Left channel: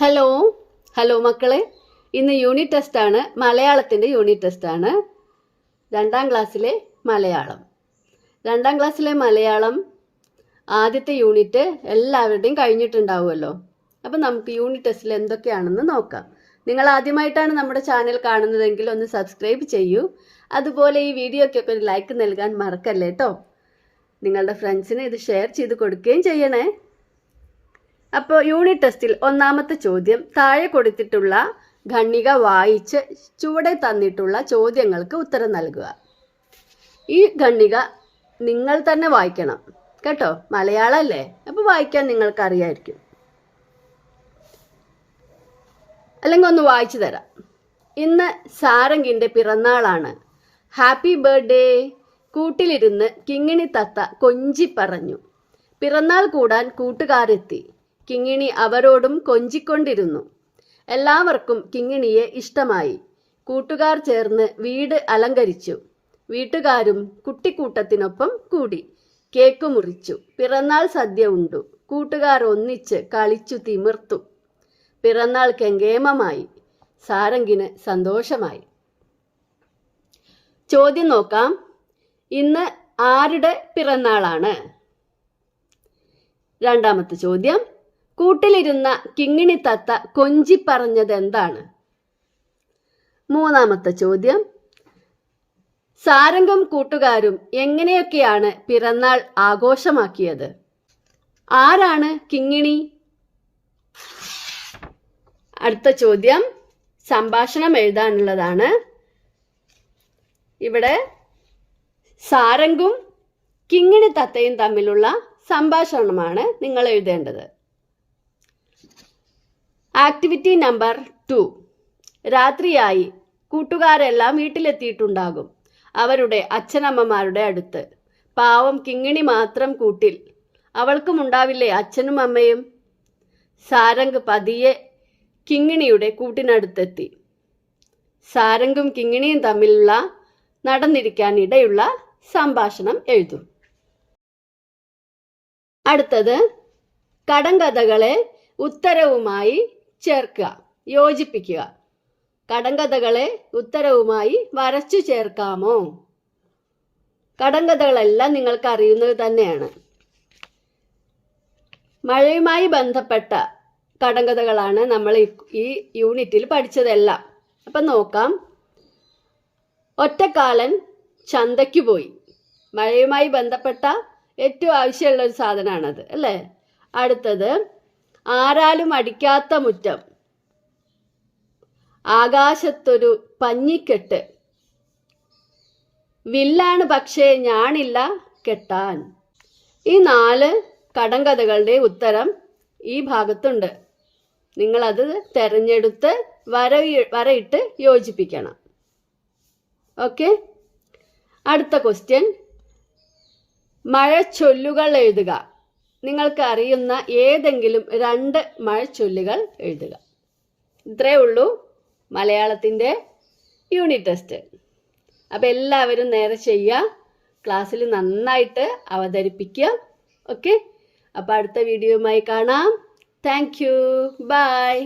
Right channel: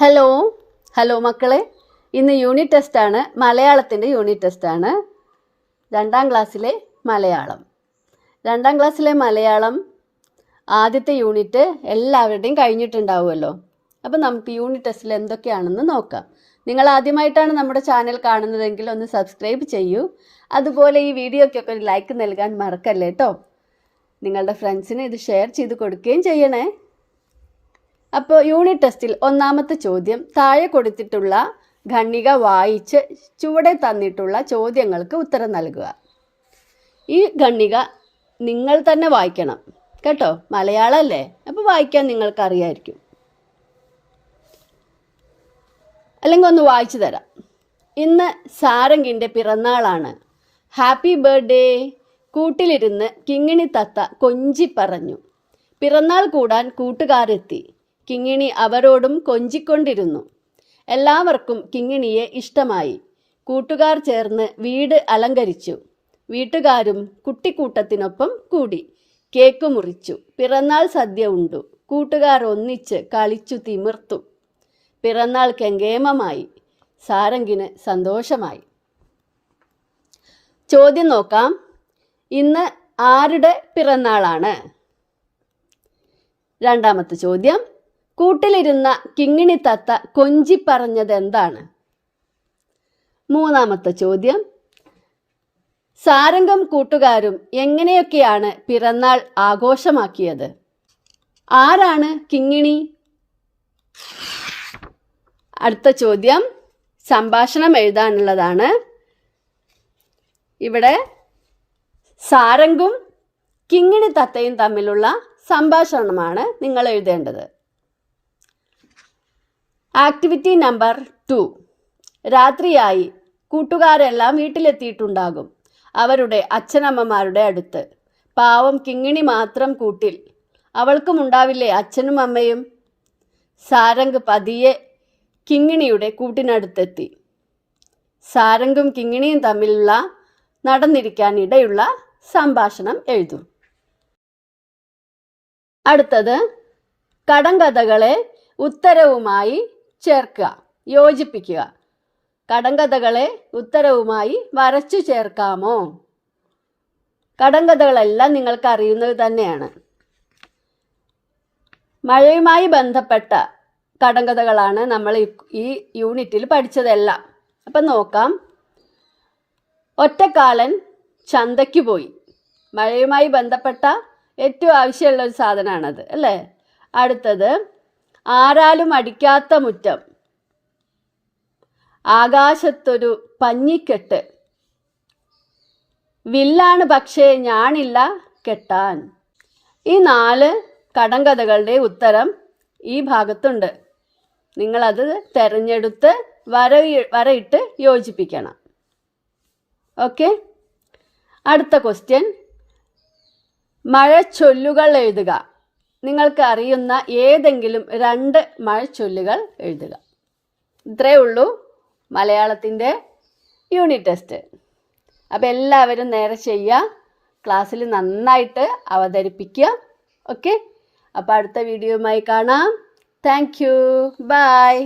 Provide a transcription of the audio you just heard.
Hello hello മക്കളെ, ഇന്ന് unit ടെസ്റ്റാണ്. മലയാളത്തിൻ്റെ യൂണിറ്റ് ടെസ്റ്റാണ്. 2ാം ക്ലാസ്സിലെ മലയാളം. 2ാം ക്ലാസ്സിലെ മലയാളം ആദ്യത്തെ യൂണിറ്റ് എല്ലാവരുടെയും കഴിഞ്ഞിട്ടുണ്ടാവുമല്ലോ. അപ്പം നമുക്ക് യൂണിറ്റ് ടെസ്റ്റിൽ എന്തൊക്കെയാണെന്ന് നോക്കാം. നിങ്ങൾ ആദ്യമായിട്ടാണ് നമ്മുടെ ചാനൽ കാണുന്നതെങ്കിൽ ഒന്ന് സബ്സ്ക്രൈബ് ചെയ്യൂ. അതുപോലെ ഈ വീഡിയോയ്ക്കൊക്കെ ഒരു ലൈക്ക് നൽകാൻ മറക്കല്ലേ കേട്ടോ. നിങ്ങളുടെ ഫ്രണ്ട്സിന് ഇത് ഷെയർ ചെയ്ത് കൊടുക്കുകയും ചെയ്യണേ. അപ്പോൾ യൂണിറ്റ് ടെസ്റ്റിൽ ഒന്നാമത്തെ ചോദ്യം, താഴെ കൊടുത്തിട്ടുള്ള ഖണ്ഡിക വായിച്ച് ചുവടെ തന്നിട്ടുള്ള ചോദ്യങ്ങൾക്ക് ഉത്തരം നൽകുക. ഈ ഖണ്ഡിക നിങ്ങൾ തന്നെ വായിക്കണം കേട്ടോ. മലയാളമല്ലേ, അപ്പോൾ വായിക്കാൻ നിങ്ങൾക്ക് അറിയായിരിക്കും. അല്ലെങ്കിൽ ഒന്ന് വായിച്ചു തരാം. ഇന്ന് സാരംഗിൻ്റെ പിറന്നാളാണ്. Happy birthday. കൂട്ടിലിരുന്ന് കിങ്ങിണി തത്ത കൊഞ്ചി പറഞ്ഞു. പിറന്നാൾ കൂടാൻ കൂട്ടുകാരെത്തി. കിങ്ങിണി അവരോടും കൊഞ്ചിക്കൊണ്ടിരുന്നു. എല്ലാവർക്കും കിങ്ങിണിയെ ഇഷ്ടമായി. കൂട്ടുകാർ ചേർന്ന് വീട് അലങ്കരിച്ചു. വീട്ടുകാരും കുട്ടിക്കൂട്ടത്തിനൊപ്പം കൂടി. കേക്ക് മുറിച്ചു. പിറന്നാൾ സദ്യ ഉണ്ടു. കൂട്ടുകാർ ഒന്നിച്ച് കളിച്ചു തിമിർത്തു. പിറന്നാൾ കെങ്കേമമായി. സാരംഗിന് സന്തോഷമായി. ചോദ്യം നോക്കാം. ഇന്ന് ആരുടെ പിറന്നാളാണ്? രണ്ടാമത്തെ ചോദ്യം, കൂട്ടിലിരുന്ന കിങ്ങിണി തത്ത കൊഞ്ചി പറഞ്ഞത് എന്താണ്? മൂന്നാമത്തെ ചോദ്യം, സാരംഗും കൂട്ടുകാരും എങ്ങനെയൊക്കെയാണ് പിറന്നാൾ ആഘോഷമാക്കിയത്? ആരാണ് കിങ്ങിണി? അടുത്ത ചോദ്യം സംഭാഷണം എഴുതാനുള്ളതാണ്. ഇവിടെ സാരംഗും കിങ്ങിണി തത്തയും തമ്മിലുള്ള സംഭാഷണമാണ് നിങ്ങൾ എഴുതേണ്ടത്. Activity number 2. രാത്രിയായി. കൂട്ടുകാരെല്ലാം വീട്ടിലെത്തിയിട്ടുണ്ടാകും. അവരുടെ അച്ഛനമ്മമാരുടെ അടുത്ത്. പാവം കിങ്ങിണി മാത്രം കൂട്ടിൽ. അവൾക്കും ഉണ്ടാവില്ലേ അച്ഛനും അമ്മയും? സാരംഗ് പതിയെ കിങ്ങിണിയുടെ കൂട്ടിനടുത്തെത്തി. സാരംഗും കിങ്ങിണിയും തമ്മിലുള്ള നടന്നിരിക്കാൻ ഇടയുള്ള സംഭാഷണം എഴുതും. അടുത്തത്, കടങ്കഥകളെ ഉത്തരവുമായി ചേർക്കുക, യോജിപ്പിക്കുക. കടങ്കഥകളെ ഉത്തരവുമായി വരച്ചു ചേർക്കാമോ? കടങ്കഥകളെല്ലാം നിങ്ങൾക്ക് അറിയുന്നത് തന്നെയാണ്. മഴയുമായി ബന്ധപ്പെട്ട കടങ്കഥകളാണ് നമ്മൾ ഈ യൂണിറ്റിൽ പഠിച്ചതെല്ലാം. അപ്പം നോക്കാം. ഒറ്റക്കാലൻ ചന്തയ്ക്ക് പോയി. മഴയുമായി ബന്ധപ്പെട്ട ഏറ്റവും ആവശ്യമുള്ള ഒരു സാധനമാണത് അല്ലേ. അടുത്തത്, ആരാലും അടിക്കാത്ത മുറ്റം. ആകാശത്തൊരു പഞ്ഞിക്കെട്ട്. വില്ലാണ് പക്ഷേ ഞാണില്ല കെട്ടാൻ. ഈ 4 കടങ്കഥകളുടെ ഉത്തരം ഈ ഭാഗത്തുണ്ട്. നിങ്ങളത് തിരഞ്ഞെടുത്ത് വരയിട്ട് യോജിപ്പിക്കണം. ഓക്കെ. അടുത്ത ക്വസ്റ്റ്യൻ, മഴച്ചൊല്ലുകൾ എഴുതുക. നിങ്ങൾക്ക് അറിയുന്ന ഏതെങ്കിലും 2 മഴച്ചൊല്ലുകൾ എഴുതുക. ഇത്രയേ ഉള്ളൂ മലയാളത്തിൻ്റെ യൂണിറ്റ് ടെസ്റ്റ്. അപ്പോൾ എല്ലാവരും നേരെ ചെയ്യുക. ക്ലാസ്സിൽ നന്നായിട്ട് അവതരിപ്പിക്കുക. ഓക്കെ. അപ്പോൾ അടുത്ത വീഡിയോയുമായി കാണാം. Thank you. ബൈ.